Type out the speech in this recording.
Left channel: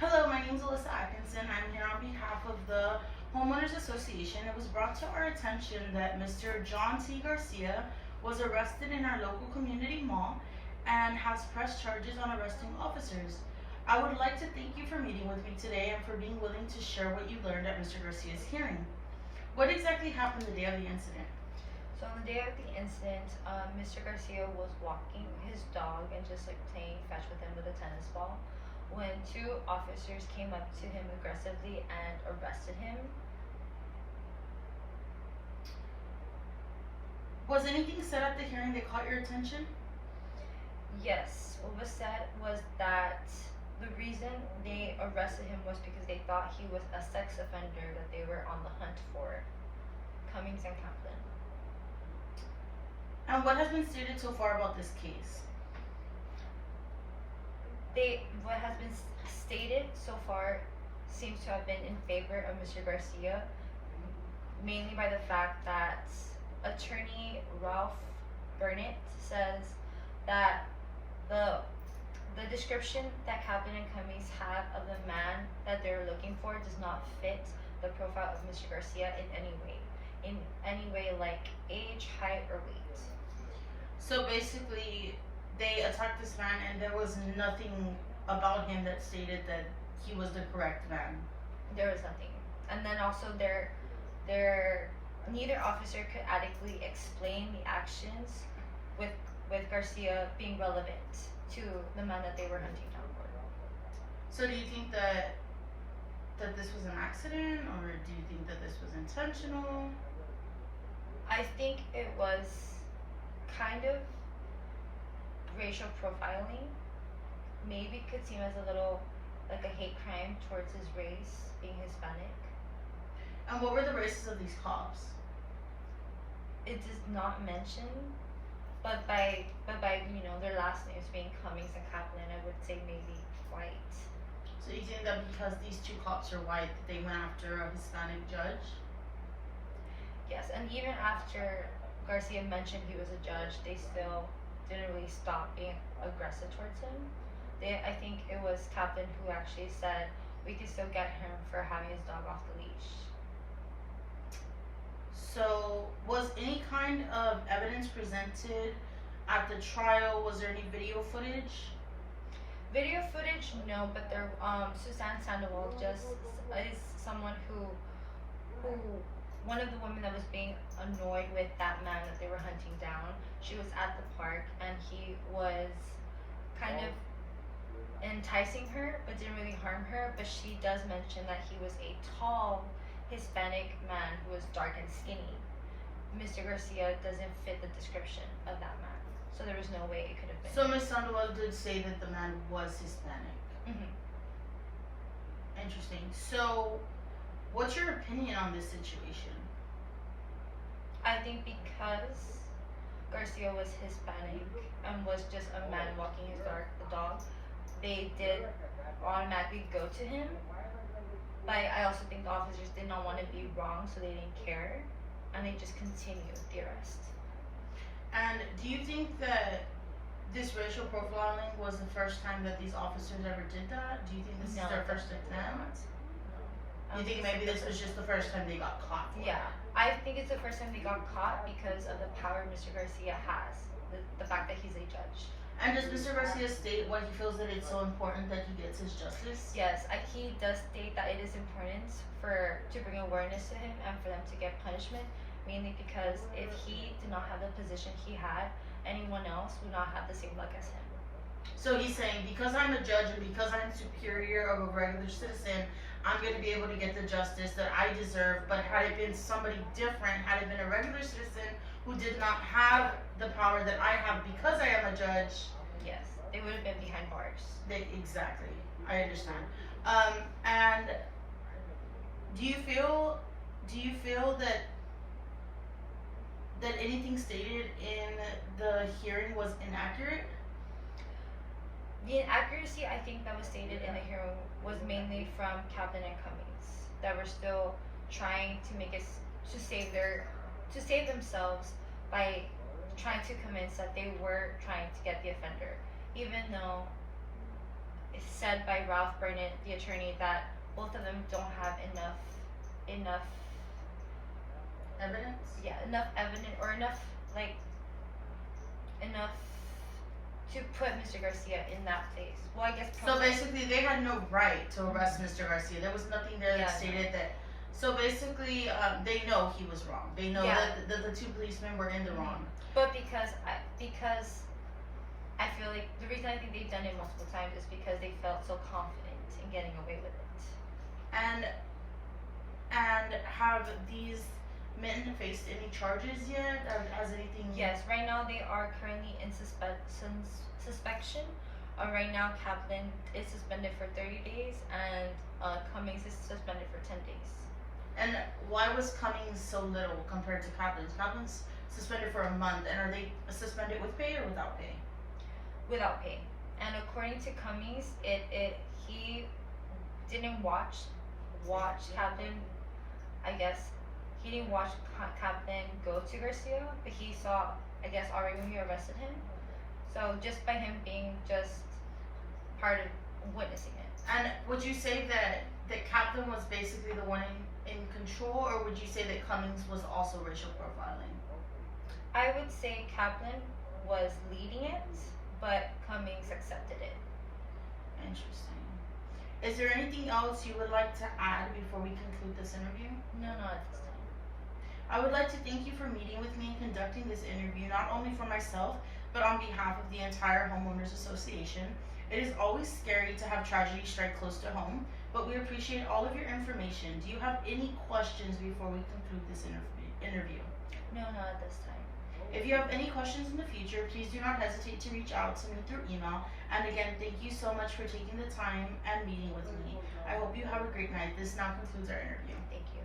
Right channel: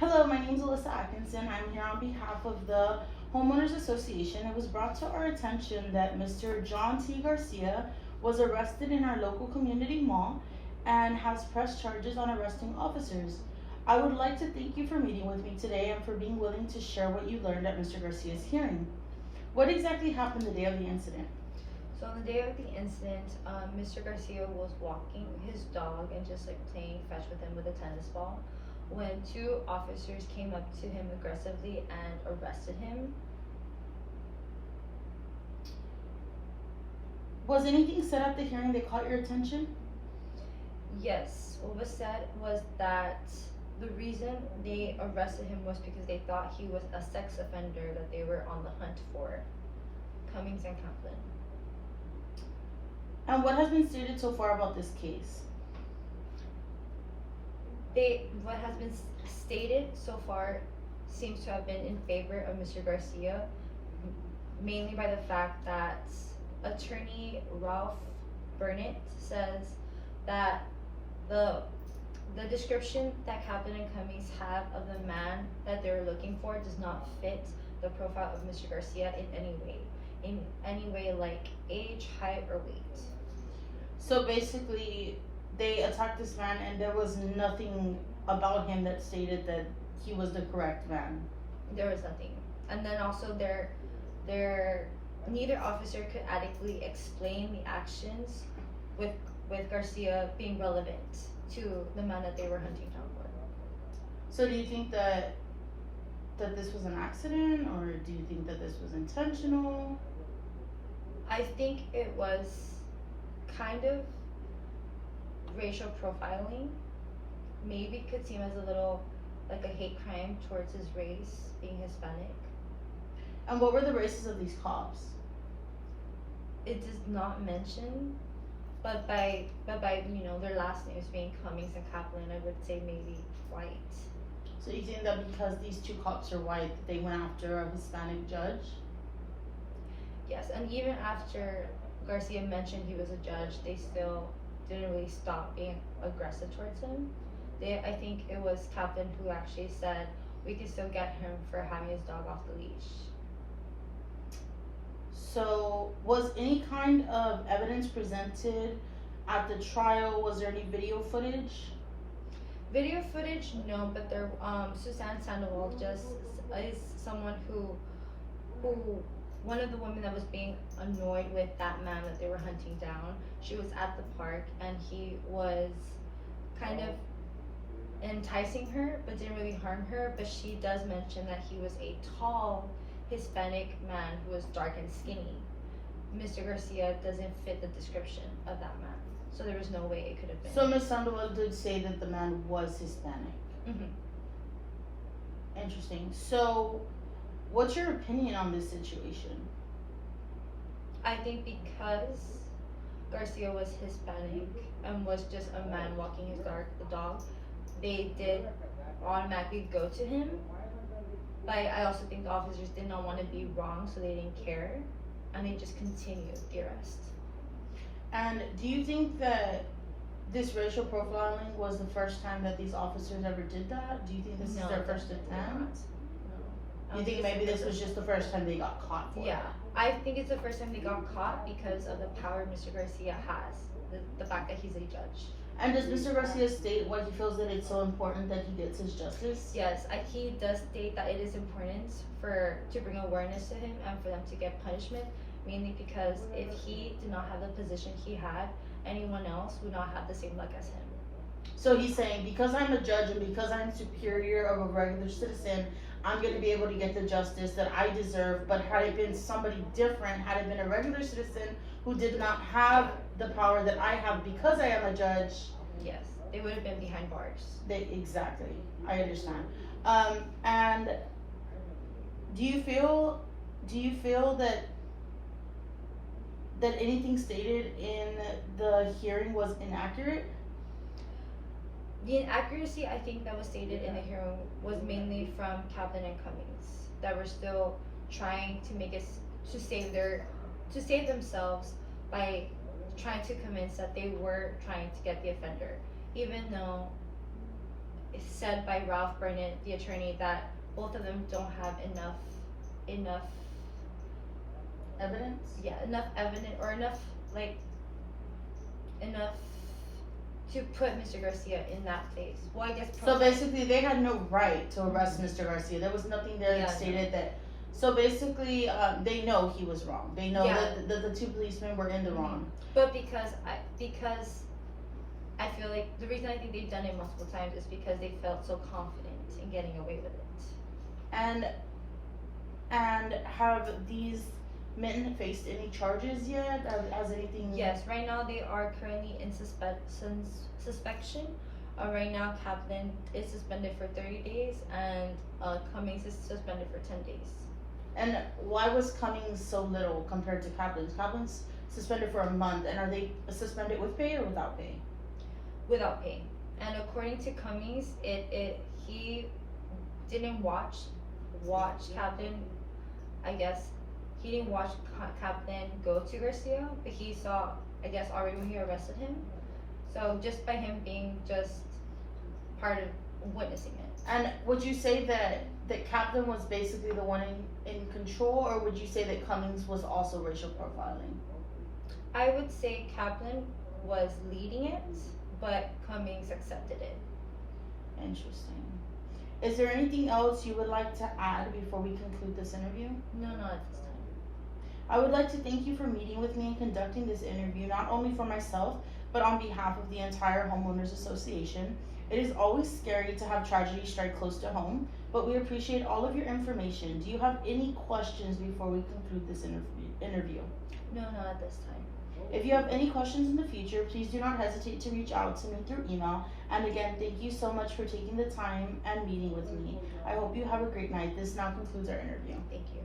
Hello, my name is Alyssa Atkinson. I'm here on behalf of the Homeowners Association. It was brought to our attention that Mr. John T. Garcia was arrested in our local community mall and has pressed charges on arresting officers. I would like to thank you for meeting with me today and for being willing to share what you learned at Mr. Garcia's hearing. What exactly happened the day of the incident? So on the day of the incident, Mr. Garcia was walking his dog and just like playing fetch with him with a tennis ball when two officers came up to him aggressively and arrested him. Was anything said at the hearing that caught your attention? Yes, what was said was that the reason they arrested him was because they thought he was a sex offender that they were on the hunt for. Cummings and Kaplan. And what has been stated so far about this case? What has been stated so far seems to have been in favor of Mr. Garcia, mainly by the fact that attorney Ralph Burnett says that the description that Kaplan and Cummings have of the man that they're looking for does not fit the profile of Mr. Garcia in any way like age, height, or weight. So basically, they attacked this man and there was nothing about him that stated that he was the correct man. There was nothing. And then also neither officer could adequately explain the actions with Garcia being relevant to the man that they were hunting down for. So do you think that this was an accident, or do you think that this was intentional? I think it was kind of racial profiling. Maybe it could seem as a little like a hate crime towards his race, being Hispanic. And what were the races of these cops? It does not mention, but by their last names being Cummings and Kaplan, I would say maybe white. So you think that because these two cops are white, that they went after a Hispanic judge? Yes, and even after Garcia mentioned he was a judge, they still didn't really stop being aggressive towards him. I think it was Kaplan who actually said we could still get him for having his dog off the leash. So was any kind of evidence presented at the trial? Was there any video footage? Video footage, no, but there Suzanne Sandoval just is someone who one of the women that was being annoyed with that man that they were hunting down. She was at the park and he was kind of enticing her but didn't really harm her, but she does mention that he was a tall Hispanic man who was dark and skinny. Mr. Garcia doesn't fit the description of that man, so there was no way it could have been. So Ms. Sandoval did say that the man was Hispanic. Interesting. So what's your opinion on this situation? I think because Garcia was Hispanic and was just a man walking his dog, they did automatically go to him. But I also think the officers did not want to be wrong, so they didn't care, and they just continued the arrest. And do you think that this racial profiling was the first time that these officers ever did that? Do you think this is their first attempt? No. You think maybe this was just the first time they got caught for it? Yeah, I think it's the first time they got caught because of the power Mr. Garcia has, the fact that he's a judge. And does Mr. Garcia state why he feels that it's so important that he gets his justice? Yes, he does state that it is important to bring awareness to him and for them to get punishment, mainly because if he did not have the position he had, anyone else would not have the same luck as him. So he's saying, because I'm a judge and because I'm superior of a regular citizen, I'm going to be able to get the justice that I deserve. But had it been somebody different, had it been a regular citizen who did not have the power that I have because I am a judge, yes, they would have been behind bars. Exactly, I understand. And do you feel that anything stated in the hearing was inaccurate? The inaccuracy I think that was stated in the hearing was mainly from Kaplan and Cummings that were still trying to make it to save themselves by trying to convince that they were trying to get the offender, even though said by Ralph Burnett, the attorney, that both of them don't have enough Evidence? enough evidence or enough to put Mr. Garcia in that place. Well, I guess. So basically, they had no right to arrest Mr. Garcia. There was nothing there that Yeah, stated that. So basically, they know he was wrong. They know Yeah. that the two policemen were in the wrong. But because I feel like the reason I think they've done it multiple times is because they felt so confident in getting away with it. And have these men faced any charges yet? Has anything? Yes, right now they are currently in suspension. Right now, Kaplan is suspended for 30 days, and Cummings is suspended for 10 days. And why was Cummings so little compared to Kaplan's? Kaplan's suspended for a month, and are they suspended with pay or without pay? Without pay. And according to Cummings, he didn't watch Kaplan. I guess he didn't watch Kaplan go to Garcia, but he saw, I guess, already when he arrested him. So just by him being just part of witnessing it. And would you say that Kaplan was basically the one in control, or would you say that Cummings was also racial profiling? I would say Kaplan was leading it, but Cummings accepted it. Interesting. Is there anything else you would like to add before we conclude this interview? No, not at this time. I would like to thank you for meeting with me and conducting this interview, not only for myself, but on behalf of the entire Homeowners Association. It is always scary to have tragedy strike close to home, but we appreciate all of your information. Do you have any questions before we conclude this interview? No, not at this time. If you have any questions in the future, please do not hesitate to reach out to me through email. And again, thank you so much for taking the time and meeting with me. I hope you have a great night. This now concludes our interview. Thank you.